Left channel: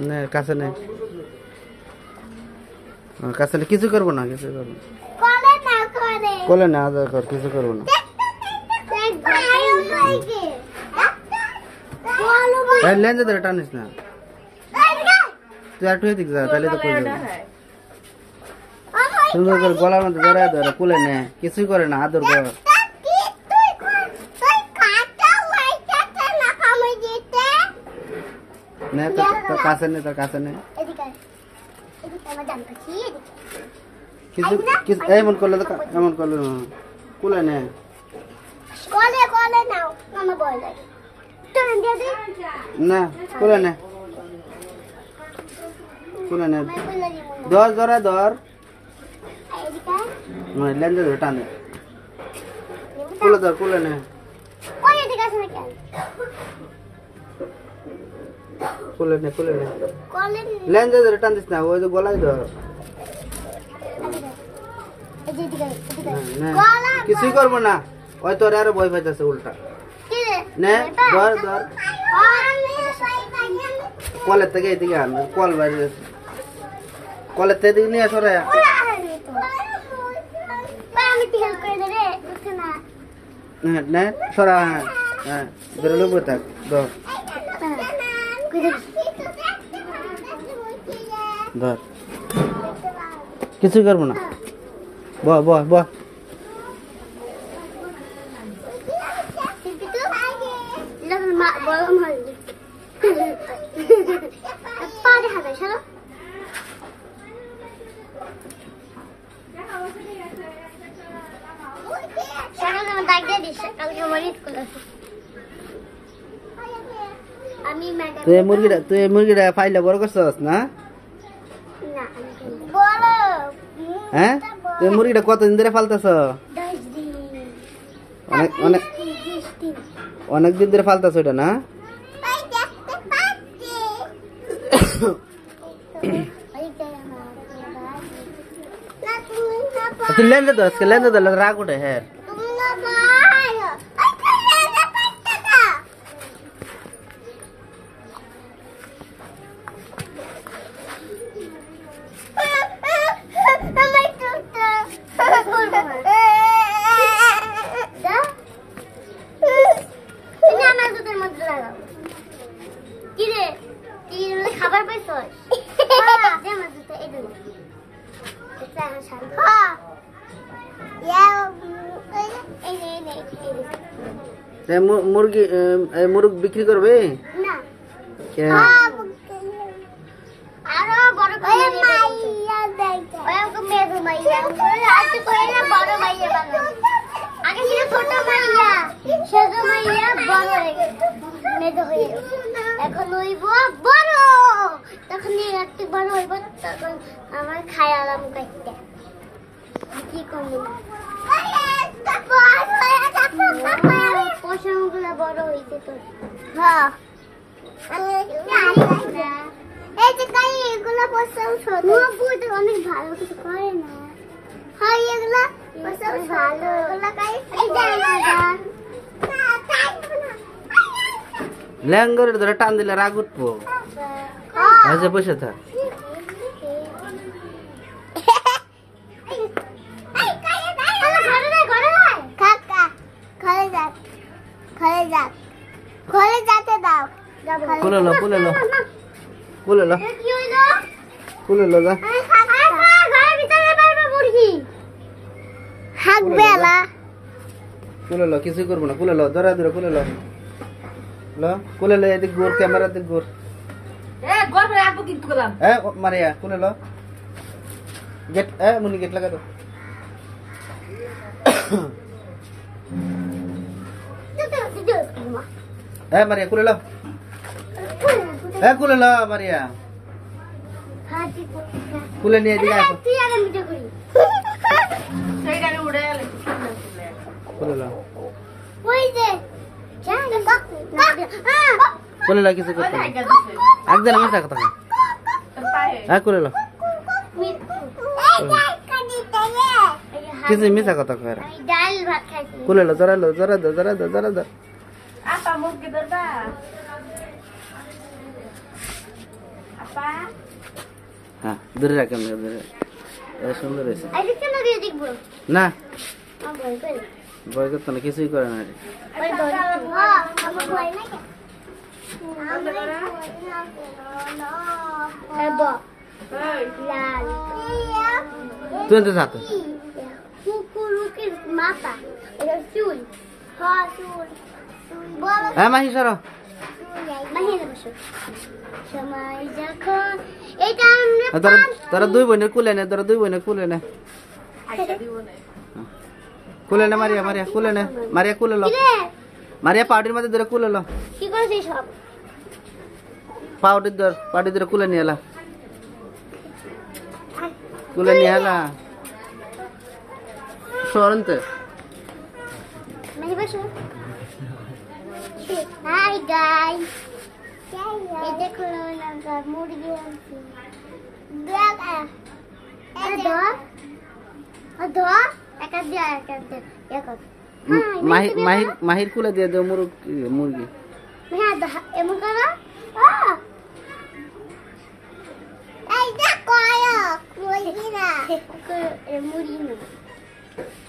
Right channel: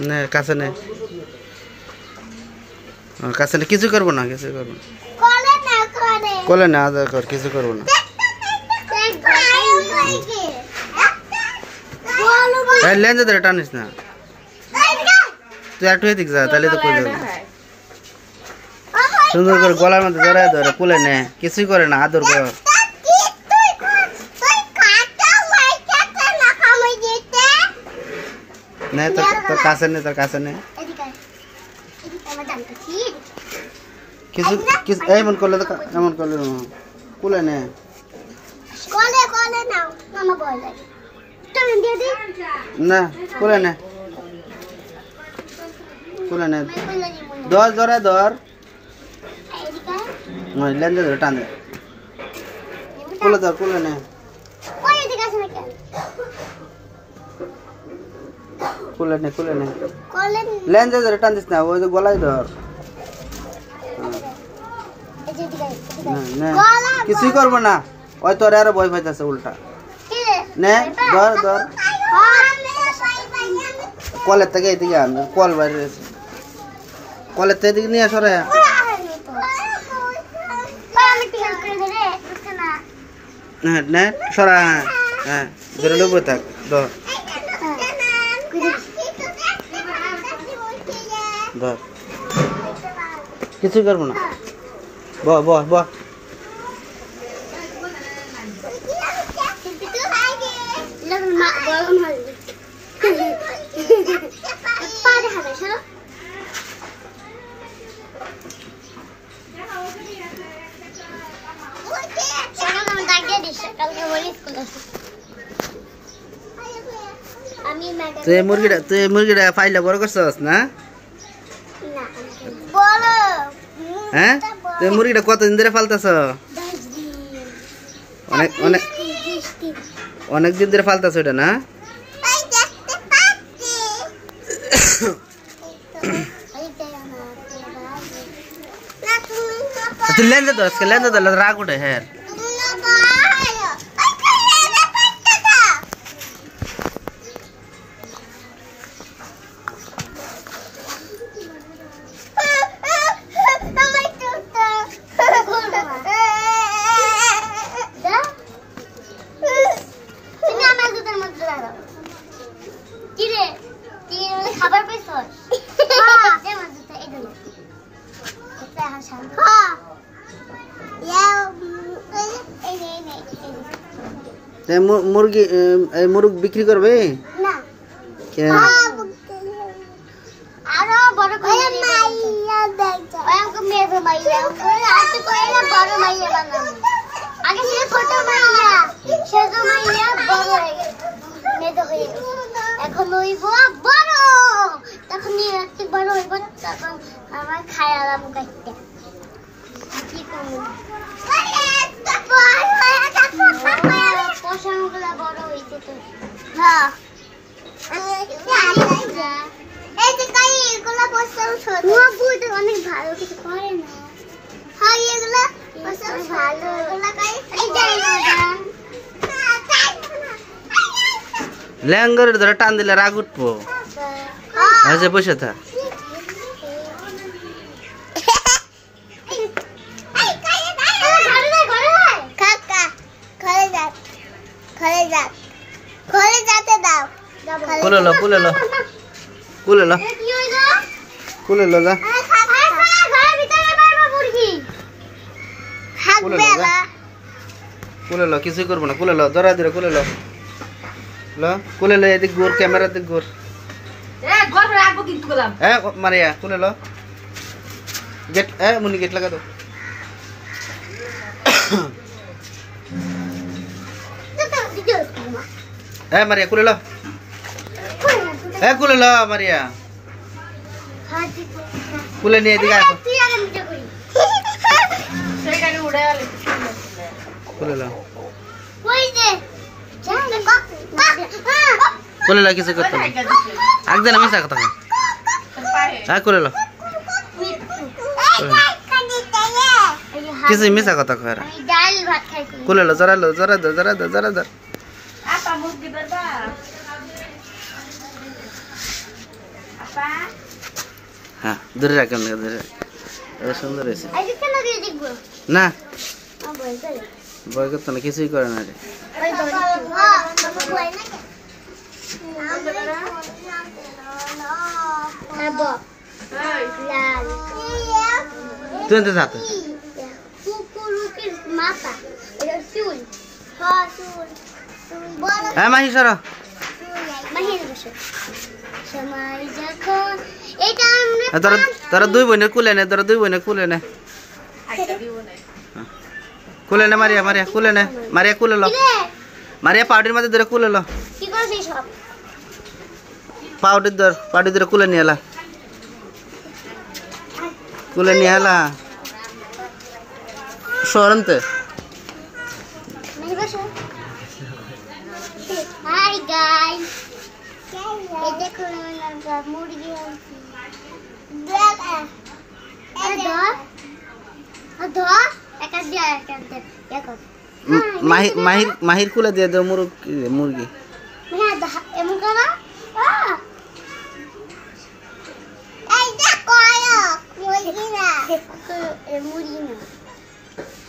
নে কাছে নে কাছে নে কিছু করবো না কিছু করবো না কোলে না আদর কর কিছু করবো না লেন্স ধরে টানিস না তুই একটু এদিক যা তাহলে তো কই যাবে সুন্দর করে গলার মধ্যে জড়ায় ধরে কোলে নে কিছুই করে না আদর কর নে তোর কাছে নে তোর কাছে নে কিছু কিছু এমন করলে তো এমন করলে কোলে নে না কোলে নে কোলে নে ধর ধরে ধর লেন্স ধরে টান দে কোলে ধর কোলে নে কোলে নে কোলে নে লেন্স ধরে টান দিস না ওই যে গলায় ধর কিছুই করবো না ওই তোর আরো ভয় পাইতেছে উল্টা নে ধর ধর কলের থেকে এদিকে আন কল বাইরে কলের থেকে এদিকে নিয়ে আসো রে নে সরা হ্যাঁ ধরে লোবো থাক ধর ধর কিছুই করবো না বহ বহ বহ তুই মুরগিটা ফাইলে বড় করছস না হ্যাঁ তুই মুরগিটা কতদিন ধরে ফালতেছ অনেক অনেক অনেক দিন ধরে ফালতেছ ওটা না তুই লেন্স ধর রাগ উঠে হ্যাঁ খাবার পাইছ মুরগি মুরগ বিক্রি করবে না আরো বড় আগে ছিল ছোট মাইয়া ছোট মাইয়া বড় হয়ে গেছে মেয়ে হয়ে গেছে এখন হইব বড় তখন একটু বড় হইব তখন আমার খায়ালাম কাটতে কি করব পশমগুলো বড় হইছে তো হ্যাঁ এই যে কাই এগুলো পশম ছোট মুখ অনেক ভালো কিছু করে না হ্যাঁ এগুলো পশম ভালো এগুলো কাই এই জায়গা ল্যাঙ্গরের ধরে টান দিলে রাগ উঠবো আচ্ছা বসে থাক কুলে লো কুলে লো কুলে লো কুলে লো যা কুলে লো কিছুই করবো না কুলে লো ধরা দিলে কুলে লো লো কুলে লো এদিক ঘুর ক্যামেরা দিক ঘুর মারিয়া কুলে লো गेट मुन्नी गेट लगा दो मारिया कुले लो कुले लो मारिया कुले नहीं दिखा कुले लो कुले लो किसे करता है आग देना मैं सकता हूँ कुले लो किसी मिसा कता खरा कुले लो जरा दो হ্যাঁ ধরে রাখেন ধরে এটা সুন্দর হয়েছে আজকে কেন দিয়ে দেখব না ভয় করে ভয় করতে না কিছুই করে না রে ওই ধরে হ্যাঁ আমার ভয় না কেন লাল তুই এনতে যাতে কুকুরুকের মাথা এটা চুল হ্যাঁ চুল বড় হ্যাঁ মাহি সর মাহির বসে সময় যখন এটা আমরা তোরা দুই বোনের কুলে নে তোরা দুই বোনের কুলে নে কুলে নে মারিয়া মারিয়া কুলে নে মারিয়া কুলে লো মারিয়া পাউডির মধ্যে ধরে কুলে লো কি করছিস সব পাউডির ধরে কুলে নিয়ে এলা কুলে নিয়ে এলা সরন্তে মাহি বসো হাই গাইস এই দেখো আমরা মুরগি আনছি দেখা আদো একটা দিয়া একটা দেখো মাহির কুলে দিয়ে দে মুরগি হ্যাঁ এমন করো এই দেখো মুরগি না মুরগি না